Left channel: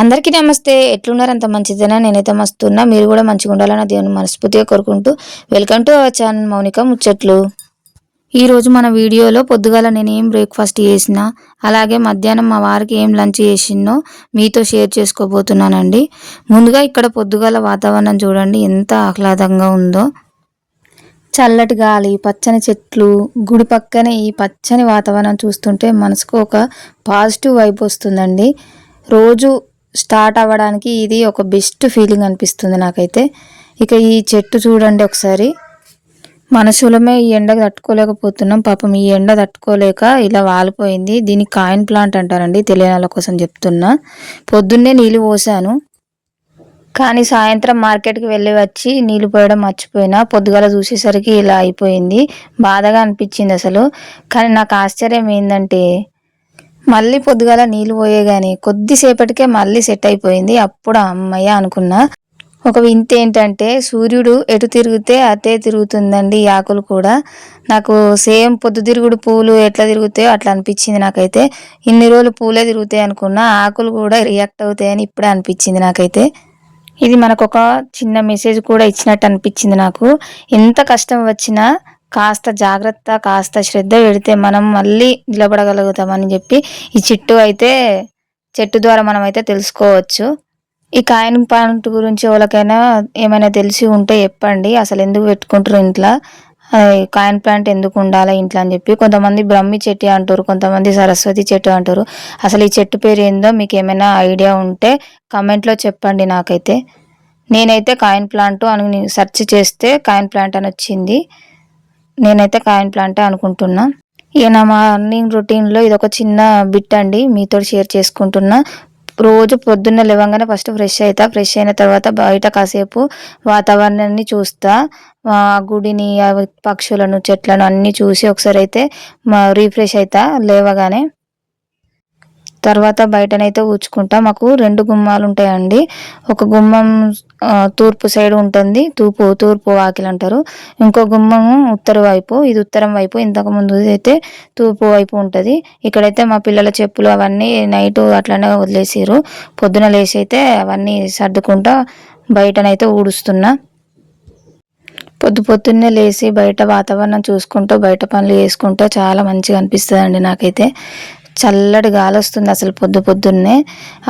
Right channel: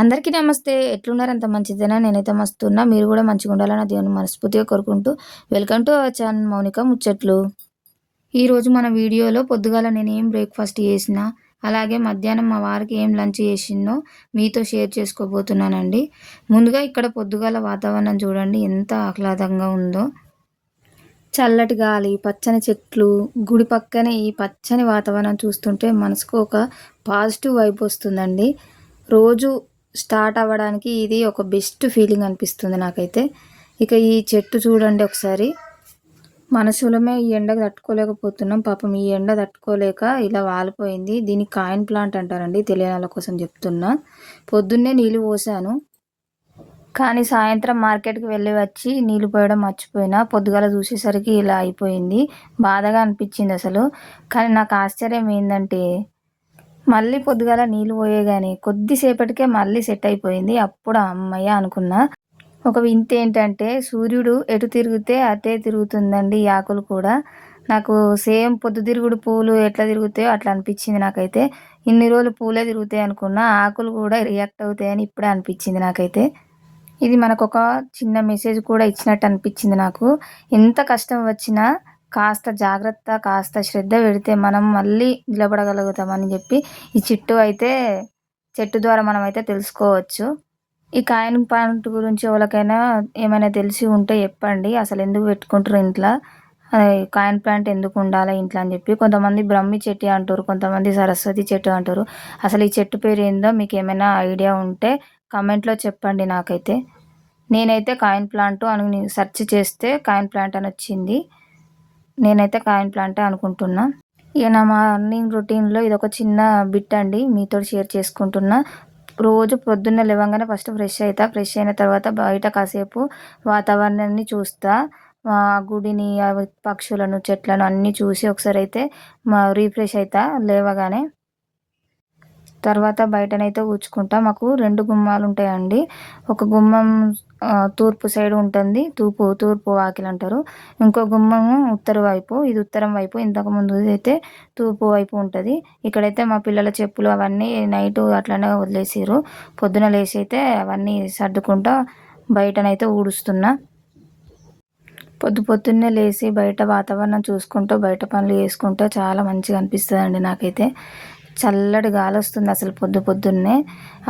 అందరికీ నమస్తే. ఎట్లున్నారు? అంత మంచిదేనా? నేనైతే మస్తున్నా. మీరు కూడా మంచిగా ఉండాలని దేవుని మనస్ఫూర్తిగా కోరుకుంటూ welcome to our channel Mounika ముచ్చట్లు. ఈరోజు మన వీడియోలో పొద్దుగాల నేను ఏం బ్రేక్ఫాస్ట్ చేసిన, అలాగే మధ్యాహ్నం మా వారికి ఏం లంచ్ చేసినో మీతో షేర్ చేసుకోబోతున్నానండి. ముందుగా ఇక్కడ పొద్దుగాల వాతావరణం చూడండి ఎంత ఆహ్లాదంగా ఉందో. చల్లటి గాలి, పచ్చని చెట్లు, గుడి పక్కనే ఈ పచ్చని వాతావరణం చూస్తుంటే మనసుకు ఒక పాజిటివ్ వైబ్ వస్తుందండి. రోజు స్టార్ట్ అవ్వడానికి ఇది ఒక బెస్ట్ ఫీలింగ్ అనిపిస్తుంది నాకైతే. ఇక ఈ చెట్టు చూడండి ఒకసారి. మనుషులమే ఈ ఎండకు తట్టుకోలేకపోతున్నాం. పాపం ఈ ఎండ తట్టుకోలేక ఇలా వాలిపోయింది. దీన్ని కాయిన్ ప్లాంట్ అంటారండి, తెలియని వాళ్ళ కోసం చెప్తున్నా. పొద్దున్నే నీళ్ళు పోసాను, కానీ సాయంత్రం మార్కెట్కి వెళ్ళి వచ్చి నీళ్ళు పోయడం మర్చిపోయినా. పొద్దుగాల చూసేసరికి ఇలా అయిపోయింది. బాధగా అనిపించింది అసలు. కానీ నాకు ఆశ్చర్యం ఏంటంటే మళ్ళీ పొద్దుగాల నీళ్ళు పోయేగాని కొద్దిసేపటికే మళ్ళీ సెట్ అయిపోయింది. అప్పుడు అమ్మయ్య అనుకున్నా. ఒక వింత ఏంటంటే సూర్యుడు ఎటు తిరిగితే అటే తిరుగుతుందండి ఈ ఆకులు కూడా. నాకు సేమ్ పొద్దుతిరుగుడు పూలు ఎట్లా తిరుగుతాయో అట్లా అనిపించింది నాకైతే. ఇన్ని రోజులు పూలే తిరుగుతాయి అనుకున్నా, ఆకులు కూడా రియాక్ట్ అవుతాయని ఇప్పుడే అనిపించింది నాకైతే. ఇది మనకు ఒక చిన్న మెసేజ్ కూడా ఇచ్చినట్టు అనిపించింది నాకు. ఎంత కష్టం వచ్చినా కాస్త జాగ్రత్త, కాస్త శ్రద్ధ పెడితే మనం మళ్ళీ నిలబడగలుగుతామని చెప్పి ఈ చెట్టు ద్వారా మనం అయితే తెలుసుకోవచ్చు. ఈ కాయిన్ ప్లాంట్ గురించి ఎవరికైనా ఏమైనా తెలిసి ఉంటే చెప్పండి. అసలు ఎందుకు పెట్టుకుంటారు ఇంట్లో, కాయిన్ ప్లాంట్ ఎందుకు ఉండాలి ఇంట్లో అని చెప్పి. కొంతమంది బ్రహ్మి చెట్టు అంటారు, కొంతమంది సరస్వతి చెట్టు అంటారు. అసలు ఈ చెట్టు పేరు ఏందో మీకు ఏమైనా ఐడియా ఉంటే కమెంట్లో చెప్పండి నాకైతే. నేనైతే కాయిన్ ప్లాంట్ అని సెర్చ్ చేస్తే కాయిన్ ప్లాంట్ అని వచ్చింది. నేనైతే కాయిన్ ప్లాంటే అనుకుంటున్నా. ఇక నా మార్నింగ్ రొటీన్లో ఇది ఒక చిన్న బిట్ అండి, మీతో షేర్ చేసుకుంటున్నా. రోజు పొద్దున్న లేవగానే ఫస్ట్ ఫ్రెష్ అవుతా. ఫ్రెష్ అయిన తర్వాత బయట కాసేపు వాతావరణాన్ని చూస్తా. గుడిని, పక్షులను, చెట్లను అన్నీ చూసి ఒకసారి అయితే రీఫ్రెష్ అవుతా లేవగానే. తర్వాత బయటనైతే ఊడ్చుకుంటా. మాకు 2 గుమ్మాలు ఉంటాయండి. ఒక గుమ్మం తూర్పు సైడ్ ఉంటుంది, తూర్పు వాకిలి అంటారు. ఇంకో గుమ్మము ఉత్తర వైపు, ఇది ఉత్తరం వైపు. ఇంతకుముందు అయితే తూర్పు వైపు ఉంటుంది. ఇక్కడైతే మా పిల్లల చెప్పులు అవన్నీ నైట్ అట్లనే వదిలేసారు. పొద్దున లేచి అయితే అవన్నీ సర్దుకుంటా బయటనైతే ఊడుస్తున్నా. పొద్దున్నే లేచి బయట వాతావరణం చూసుకుంటూ బయట పనులు చేసుకుంటూ చాలా మంచిగా అనిపిస్తుంది అండి నాకైతే. చల్లటి గాలి వస్తుంది అసలు పొద్దున్నే.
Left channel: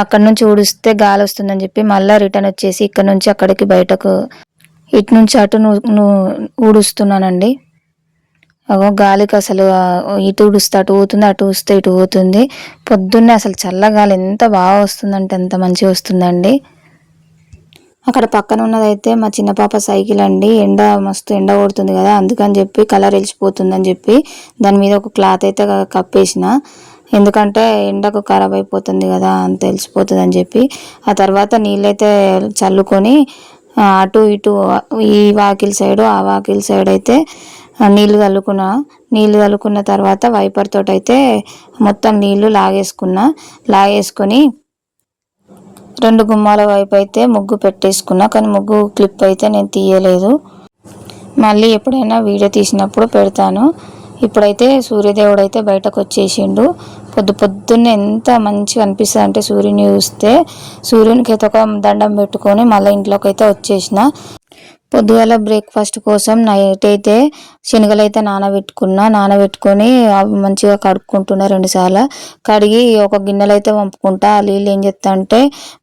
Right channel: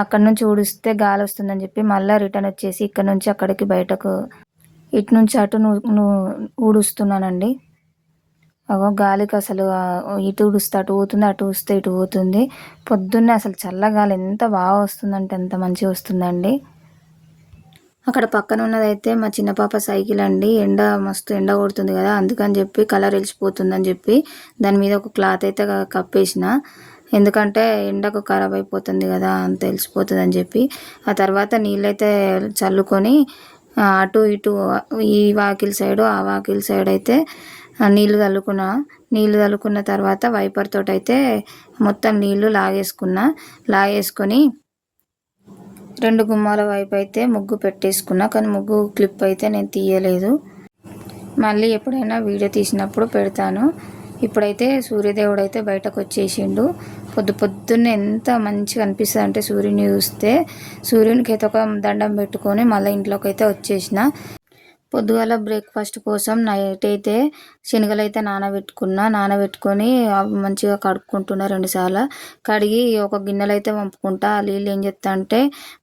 అక్కడ నుంచి ఊడిస్తే గాలి వస్తుందని చెప్పి మళ్ళీ రిటర్న్ వచ్చేసి ఇక్కడ నుంచి అక్కడికి బయటకు ఇటు నుంచి అటు ఊడుస్తున్నానండి. గాలికి అసలు ఇటు ఊడిస్తే అటు పోతుంది, అటు ఊస్తే ఇటు పోతుంది. పొద్దున్నే అసలు చల్లగాలి ఎంత బాగా వస్తుందంటే ఎంత మంచిగా వస్తుందండి. అక్కడ పక్కన ఉన్నదైతే మా చిన్న పాప సైకిల్ అండి. మస్తు ఎండ కొడుతుంది కదా, అందుకని చెప్పి కలర్ వెలిసిపోతుందని చెప్పి దాని మీద ఒక క్లాత్ అయితే కప్పేసిన. ఎందుకంటే ఎండకు ఖరాబ్ అయిపోతుంది కదా అని తెలిసిపోతుంది అని చెప్పి. ఆ తర్వాత నీళ్ళైతే చల్లుకొని అటు ఇటు ఈ వాకిల్ సైడు ఆ వాకిల్ సైడ్ అయితే నీళ్ళు చల్లుకున్న తర్వాత వైపర్ తోటి అయితే మొత్తం నీళ్లు లాగేసుకొని 2 గుమ్మాల వైపు అయితే ముగ్గు పెట్టేసుకున్నా. కానీ ముగ్గు క్లిప్ అయితే నేను తీయలేదు. మళ్ళీ ఎప్పుడైనా వీడియో తీసినప్పుడు పెడతాను. ఇప్పుడైతే సూర్యదేవుడు అయితే బయటకు వచ్చేసిండు. పొద్దున్నే ఎంత మంచిగా అనిపిస్తుంది అంటే సూర్యుని చూస్తే. సూర్యునికి అయితే ఒక దండం పెట్టుకొని మళ్ళీ ఇంట్లోకి అయితే వచ్చేసిన. పొద్దుగాల బ్రేక్ఫాస్ట్ కోసం నైట్ అయితే శనగలు అయితే నానబెట్టుకొని అవి మంచిగా కడుక్కుంటున్నా 2 సార్లు. కడిగి ఒక గిన్నెలు అయితే వంపుకుంటా. ఆ నీళ్ళు ఏం చేస్తా అంటే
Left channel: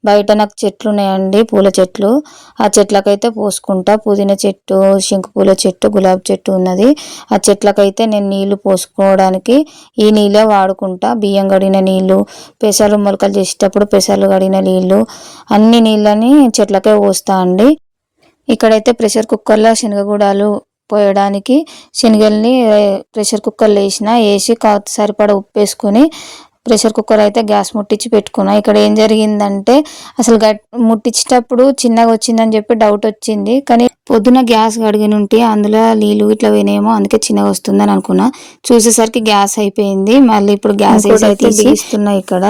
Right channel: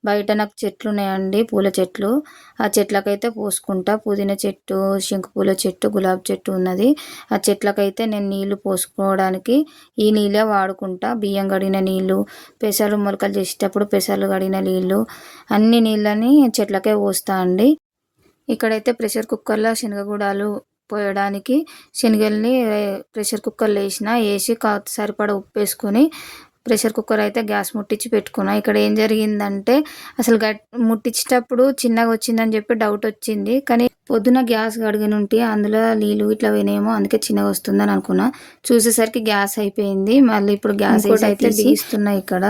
బయట నాకు చెట్లు ఉన్నాయండి, పూల చెట్లు. ఆ చెట్లకైతే పోసుకుంటా. పుదీనా చెట్టు, శంకు పూల చెట్టు, గులాబీ చెట్టు ఉన్నది. ఆ చెట్లకైతే నేను నీళ్లు పోసుకోవడానికి ఈ నీళ్ళే వాడుకుంటా. బియ్యం కడిగిన నీళ్ళు, పెసలు మొలకలు చేసేటప్పుడు పెసలు కడిగిన నీళ్ళు, అన్ని నీళ్ళని చెట్లకే పోస్తా అండి. ఇక్కడైతే ప్రెషర్ కుక్కర్లో శనగగూడాలు పోయడానికి శనగల్ని ప్రెషర్ కుక్కర్లో వేసి సరిపడా ఉప్పు వేసుకొని ప్రెషర్ కుక్కర్ అయితే గ్యాస్ ముట్టించి పెట్టుకున్నా. ఇక్కడ ఏం జరిగిందంటే అసలు ముట్టించేటప్పుడు చిన్నగా వచ్చిందని చెప్పి డౌట్ వచ్చింది. కానీ పొద్దున గ్యాస్ కడిగినుంటే అందులో నీళ్ళు ఇట్లా పోయినేమో, అందుకే చిన్నగా వస్తుందని అనుకున్నా. చూసేసరికి గ్యాస్ అయిపోయింది. మళ్ళీ ఇప్పుడు గ్యాస్ అయితే బిగిస్తున్నా. ఇక్కడ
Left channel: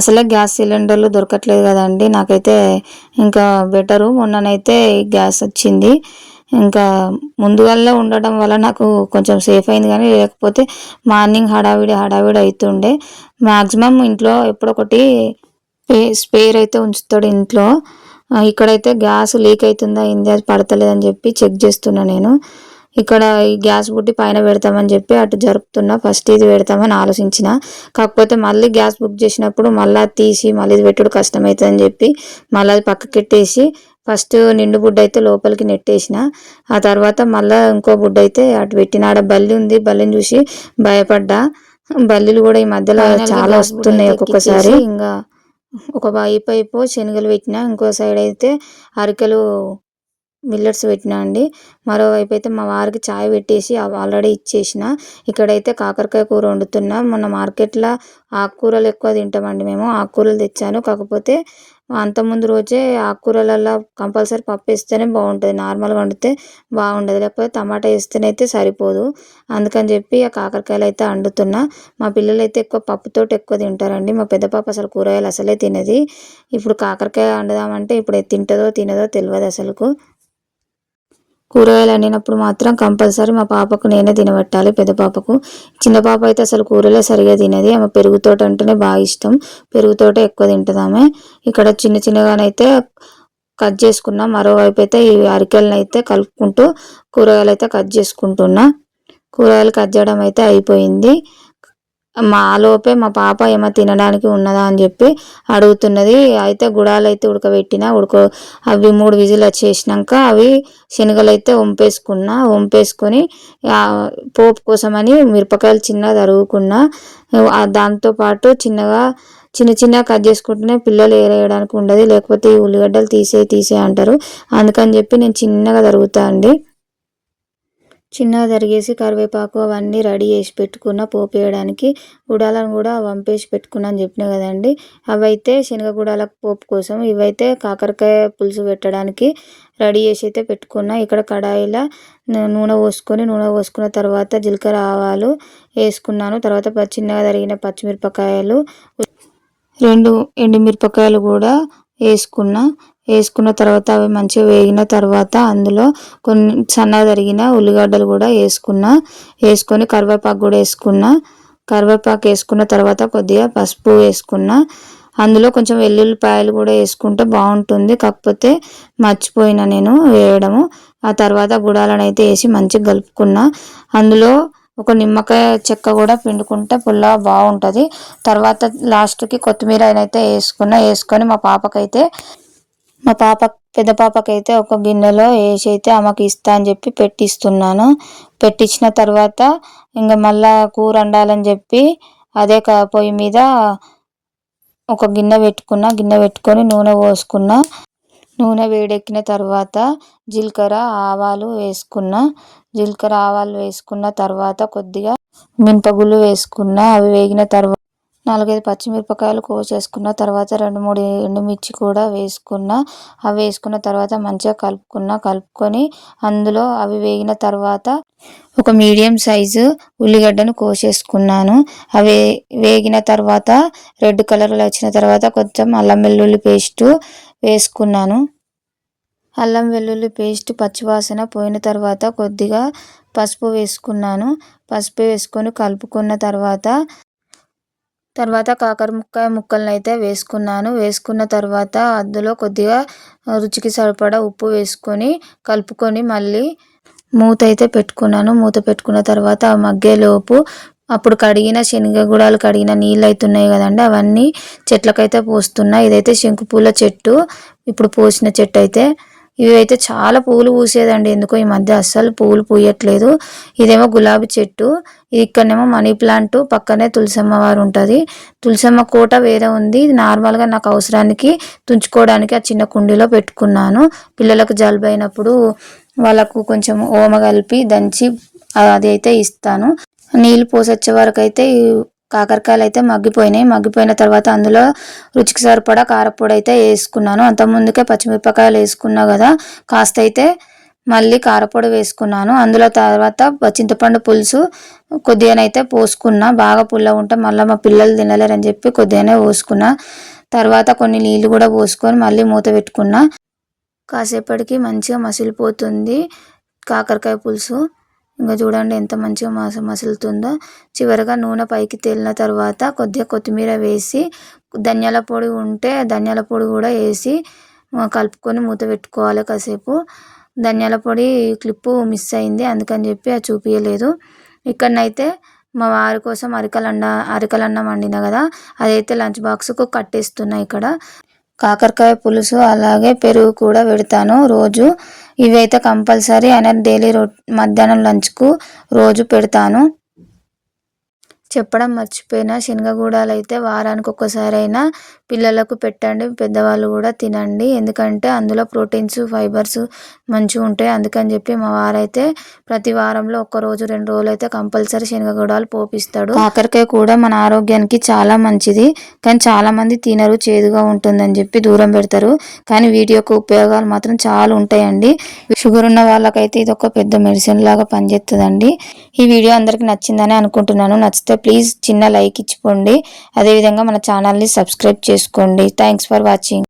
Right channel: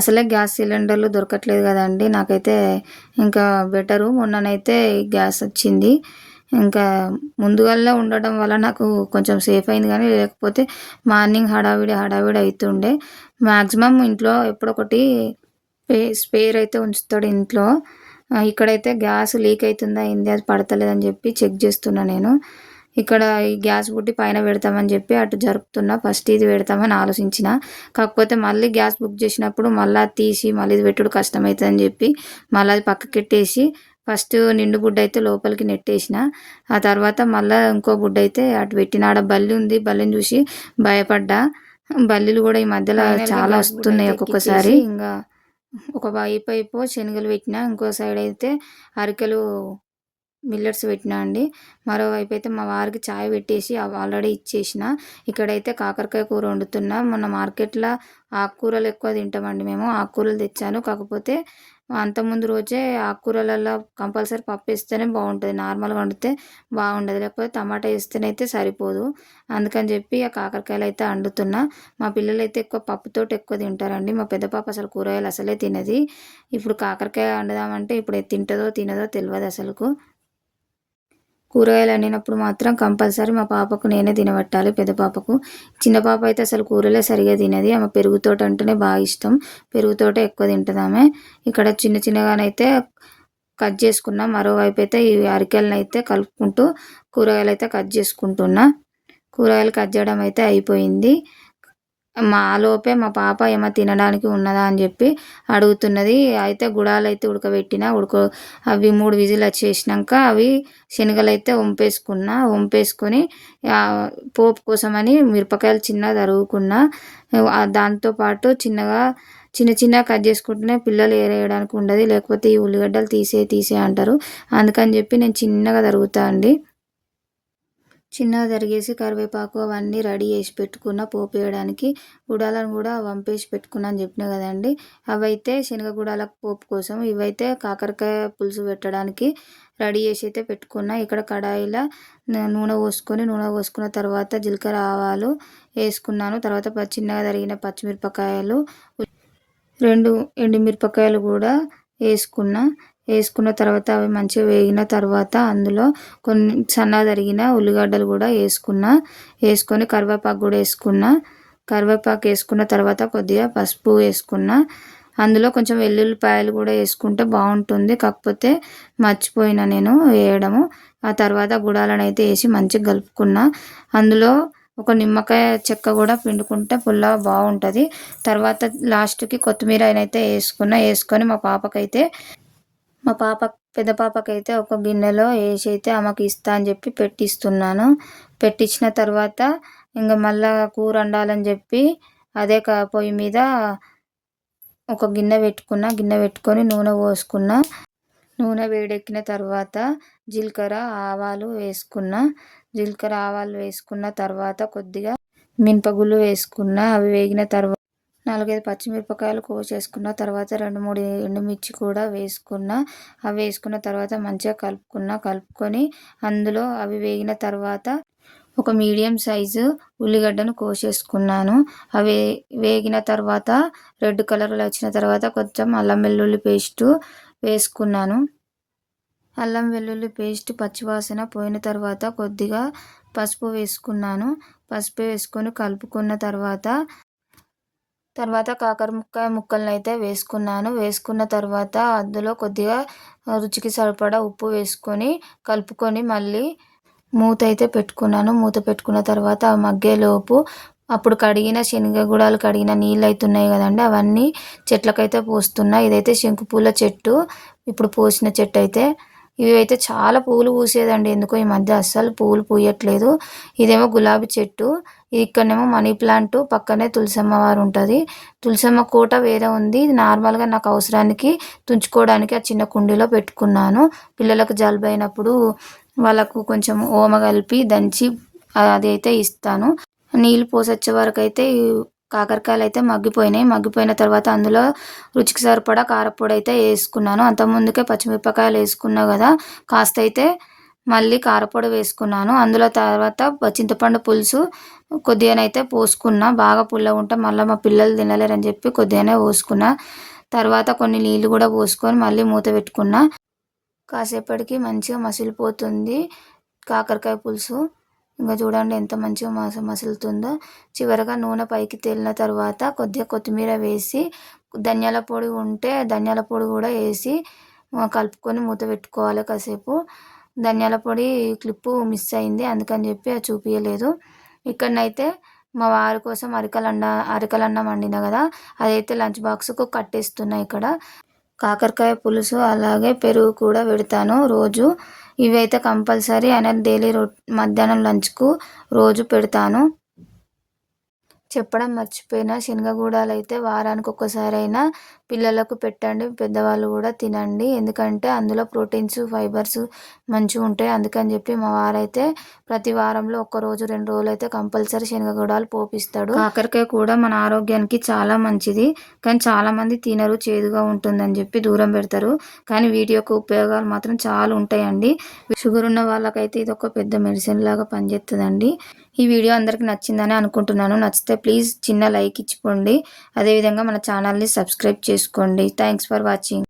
అసలే గ్యాస్ సిలిండర్లు దొరకట్లేదు కదండి. నాకైతే ఇంకా బెటరు, మొన్ననైతే గ్యాస్ వచ్చింది. ఇంకా ముందుగానే ఉండడం వల్ల నాకు కొంచెం సేఫ్ అయింది. కానీ లేకపోతే మార్నింగ్ హడావిడి అవుతుండే. మ్యాక్సిమం ఇంట్లో ఎప్పుడొకటి స్పేర్ అయితే ఉంచుతాడు ఇంట్లో. ఇక్కడైతే గ్యాస్ లీక్ అవుతుందా ఏంది అది పడతలేదని చెప్పి చెక్ చేస్తున్నా నేను. ఇక్కడ ఈ గ్యాస్ బుడ్డి పైన పెడతామని చెప్పి అటు జరుపుతున్నా. ఫస్ట్ ఇది పెడతామని ఆలోచించిన, కాకపోతే మళ్ళీ గ్యాస్ బుక్ చేసినప్పుడు మళ్ళీ తీసి మళ్ళీ ఇది పెట్టుడు కష్టమవుతుందని చెప్పి మళ్ళీ అది పక్కకెట్టేసి ఫస్ట్ నిండు బుడ్డ అయితే లోపలికి నెట్టేసిన. ఆ తర్వాత మళ్ళీ ఇంకో బుడ్డ అయితే అటు పెట్టిన. ఆడ బల్లి ఉంది, బల్లిని చూసి భయపడ్డా. బల్లిలు కూడా ఈ మధ్యలో చాలా వస్తున్నాయి ఒక్కొక్కసారి. ఇంకా ఒక వైపు శనగలు పెట్టినా, ఇంకో సైడ్ అయితే అరికెలు మిల్లెట్స్ పెట్టినా అండి. మరోవైపు అయితే మా వారికి చాయ్ పెట్టేసి ఆల్రెడీ ఇచ్చేసిన. ఇక్కడైతే కాకరకాయ కూర వండుతున్నా. మొన్న మార్కెట్లో ఆకుకూరలు ఎక్కువ తింటామండి మేము. ఆకుకూరలు తెచ్చాను, కాకపోతే అంతకుముందు రోజే ఆకుకూరలలో కంపల్సరీ పప్పు వేస్తేనే బాగుంటుంది, నార్మల్గా వండితే బాగుండదు, లేకపోతే టమాటా వేస్తేనైతే సరిపోదు. అందుకని చెప్పి ఆ కాకరకాయలు అయితే వండుతున్నా. మా పిల్లలు అయితే ఎక్కువ పప్పుతోటి ఎక్కువ తింటారండి. మా పెద్ద పాప అసలు కూరగాయలు అసలే తినది. ఇప్పుడు కాకరకాయ వండుదామంటే ఇప్పుడు తింటుందో తినదో తెలియదు అసలుకు. కూరగాయలు వండినప్పుడు మాత్రం కంపల్సరీ మా పాపకు నేనే తినబెట్టాలి, పెద్ద పాపకు. చిన్న పాప అయితే అసలు కూరలే సరిగా తినది. ఆమె పెరుగుతోట అంటేనే బాగా ఇష్టం, పెరుగుతోటే ఎక్కువ తింటుంది ఆమె. ఇక్కడ చిన్న చిన్నగానైతే కట్ చేసుకున్నా. మరోవైపు అయితే ఈ అరికెలను అయితే కలుపుకుంటూ కూరగాయలు అయితే కట్ చేసుకుంటున్నా. కూరగాయలు కట్ చేయడం అయితే అయిపోయింది. లోపే మా పాప ఏమో తినడానికి ఉన్నదా అని చెప్పి అడుగుతున్నది. అయితే గుడాలు అయితే ఉడకబెట్టిన, అవి 3 విజిల్ వచ్చేసినాక అవి శనగలు అయితే వంపేసుకొని పోపు కోసమని మిరపకాయలు చిన్నగా తరుగుకున్నా. దాంతోపాటు చిన్నగా కట్ చేసుకుంటేనే పిల్లలు ఏరేయడానికి ఉండదు, లేకపోతే ఈ ఉల్లిగడ్డలు తీసే అంటారు. అందుకని చెప్పి నేను చిన్నగా తరుగుతా అండి. చిన్నగా తరిగేసి కరివేపాకు అవన్నీ రెడీ చేసి పెట్టుకున్న పోపు వేయడానికి. గుడాలను కూడా వంపేసి పెట్టుకున్నా అని చెప్పినా కదండి. అవైతే శనగ గుడాల పోపు కోసం, ఇవైతే కాకరకాయ పులుసు పెట్టడానికి రెడీ చేసి అయితే పెట్టుకున్నా. ఇక్కడ కడాయిలో నూనె పోసుకున్న తర్వాత జీలకర్ర ఆవాలు వేసుకున్నాను. తర్వాత చిన్నగా తరిగిన పచ్చిమిరపకాయలు, 2 ఎండుమిరపకాయలు కూడా వేసుకున్న తర్వాత అవి మంచిగా వేగిన తర్వాత అందులో కొన్ని సన్నగా తరిగిన ఉల్లిగడ్డలు కూడా వేసుకొని కరివేపాకు కూడా కరివేపాకు వేసుకున్న తర్వాత కొద్దిగా పసుపు వేసుకున్నా. అందులో కొంచెం వెల్లుల్లిపాయలు కూడా వేసుకుంటే బాగుంటుంది, కాకపోతే మర్చిపోయినా నేను వేయడము. ఆ తర్వాత గుడాలను అయితే వేసి మంచిగా కలుపుకున్నా. అందులో ఒక నిమ్మకాయ చెక్క కూడా పిండుకుంటే పుల్ల బాగుంటుంది. తర్వాత లాస్ట్కి కొత్తిమీర అయితే వేసుకొని పెద్ద పాపకైతే ఒక గిన్నెలో వేసి అయితే ఆమెకి ఇస్తా అని చెప్పి పెట్టిస్తున్నాను. పెట్టించిన తర్వాత ఇంకా మళ్ళా కూర వండాలని చెప్పి అదే పొయ్యి మీద ఒక గిన్నె పెట్టుకొని నూనె పోసుకున్నా. నూనె వేడెక్కిన తర్వాత జీలకర్ర ఆవాలు వేసుకున్న తర్వాత కొద్దిగా మినపగుళ్ళు వేసుకున్నా. అవి వేగిన తర్వాత 4-5 పచ్చిమిరపకాయలు కోసేసుకున్న తర్వాత 2-3 ఎండుమిర్చి కూడా అవి వేసుకున్న తర్వాత మంచిగా కలుపుకొని అందులో అవి వేగిన తర్వాత ఒక మీడియం సైజు ఉల్లిగడ్డను కోసేసుకున్నాను. అవి వేగిన తర్వాత రెడ్ కలర్లో వచ్చిన తర్వాత కొంచెం అల్లం వెల్లుల్లి పేస్ట్ వేసుకున్నాను. అల్లం వెల్లుల్లి పేస్ట్ పచ్చివాసన పోయిన తర్వాత కొద్దిగా పసుపు వేసుకొని కలుపుకున్న తర్వాత కాకరకాయ ముక్కలను అయితే వేసుకున్న తర్వాత అందులో కొద్దిగా రుచికి సరిపడా ఉప్పు వేసుకొని కలుపుకొని మళ్ళీ మూత అయితే మూత పెట్టుకున్న తర్వాత ఆ మగ్గేలోపు అప్పుడు కడిగిన నీళ్ళు అవుతున్నాయి కదండి, అవన్నీ చెట్లకైతే పోస్తున్నా. ఇదైతే శంకుపూల చెట్టు, ఇప్పుడు పోసిన చెట్టు అయితే. ఇవి అయితే చాలా పూలు పూసేదండి, ఎందుకో ఈ మధ్య అస్సలు పూలు పూయట్లేదు. ఇదేమో గులాబీ చెట్టు, ఇక్కడనేమో మనీ ప్లాంట్, పక్కనే తులసమ్మ వారు ఉంటుంది. తులసమ్మ కోట వేరే ఉంది. నార్మల్గా నాకు అవసరానికి తుంచుకోవడానికి ఆ చిన్న కుండీలో పెట్టుకున్నాను. పిల్లలకు జలుబు అయినప్పుడు వాళ్ళకు కొంచెం ఓమ కలిపి దంచి అది అయితే ఇస్తాను. నీళ్ళు పోసొచ్చే వరకు అయితే కాకరకాయలు అయితే మగ్గిపోయిన తర్వాత అందులో రుచికి సరిపడా కారపొడి అయితే వేసుకున్నాను. అంతకుముందుకే పచ్చిమిరపకాయలు వేసుకున్నా కదా, కాస్త అయితే మళ్ళీ కారపొడి వేసుకున్నాను. అందులో తర్వాత చింతపండు పులుసు కొద్దిగానైతే పోసుకున్నా. బాగా పుల్లగా ఉంటే మళ్ళీ మా పిల్లలు తినలేరని చెప్పి కొద్దిగానే పోసుకున్నా. తర్వాత కొన్ని నీళ్ళు కూడా పోసుకొని మళ్ళీ మూత పెట్టుకున్నా. కాసేపటికి మంచిగా మసిలిపోతుంది కాకరకాయ పులుసు. ఇంకా చూడండి ఎంత మంచిగా మసులుతుందో. చివరగా నూనె పైకి తేలిన తర్వాత కొద్దిగా కొత్తిమీర వేసి, ధనియాల పొడి ఉంటే ధనియాల పొడి కూడా వేసి కలుపుకొని మూత పెట్టుకోవాలి కాసేపు. ధనియాల పొడి క్లిప్పు మిస్ అయింది, అందుకని చెప్పి అది చూపించలేదు. ఇక్కడనైతే మా వారి కోసం అరికలన్నం వండిన కదా, అదైతే లంచ్ బాక్స్కు కట్టేస్తున్నా. ఇక్కడ కాకరకాయ పులుసు అలాగే పెరుగు కూడా పెడతాను రోజు. ఇవైతే కంపల్సరీ ఆయన డైలీ మధ్యాహ్నం లంచ్కు రోజు పెడతాను. చెప్పడం మర్చిపోయిన, శనగగూడాలు అయితే వారానికి ఒక్కసారైనా పిల్లలకు పెట్టండి, పెద్దవాళ్ళు కూడా తినండి. ఎందుకంటే అందులో ప్రోటీన్స్, ఫైబర్స్ మంచిగా ఉంటాయి. అందుకని చెప్పి మా వారైతే ప్రతి వారంలో 1 రోజు 2 రోజులు అయితే కంపల్సరీ శనగగూడాలు పోపిస్తాడు. కాకరకాయ కూడా మన ఆరోగ్యానికి చాలా మంచిది, కానీ చాలామంది తినరు, చేదుగా ఉంటుందని చెప్పి దూరం పెడతారు. కానీ వీటి యొక్క ఉపయోగాలు మాత్రం చాలా ఉంటాయండి. షుగర్ ఉన్న వాళ్ళకైతే ఇది ఒక పెద్ద మెడిసిన్ లాగా పనిచేస్తుందండి. ఈ వీడియో అందరికి నచ్చిందని అనుకుంటున్నాను. నచ్చితే ప్లీజ్ చిన్న లైక్ ఇచ్చిపోండి. అదేవిధంగా మన ఛానల్ని సబ్స్క్రైబ్ చేసుకోండి. Thanks for watching.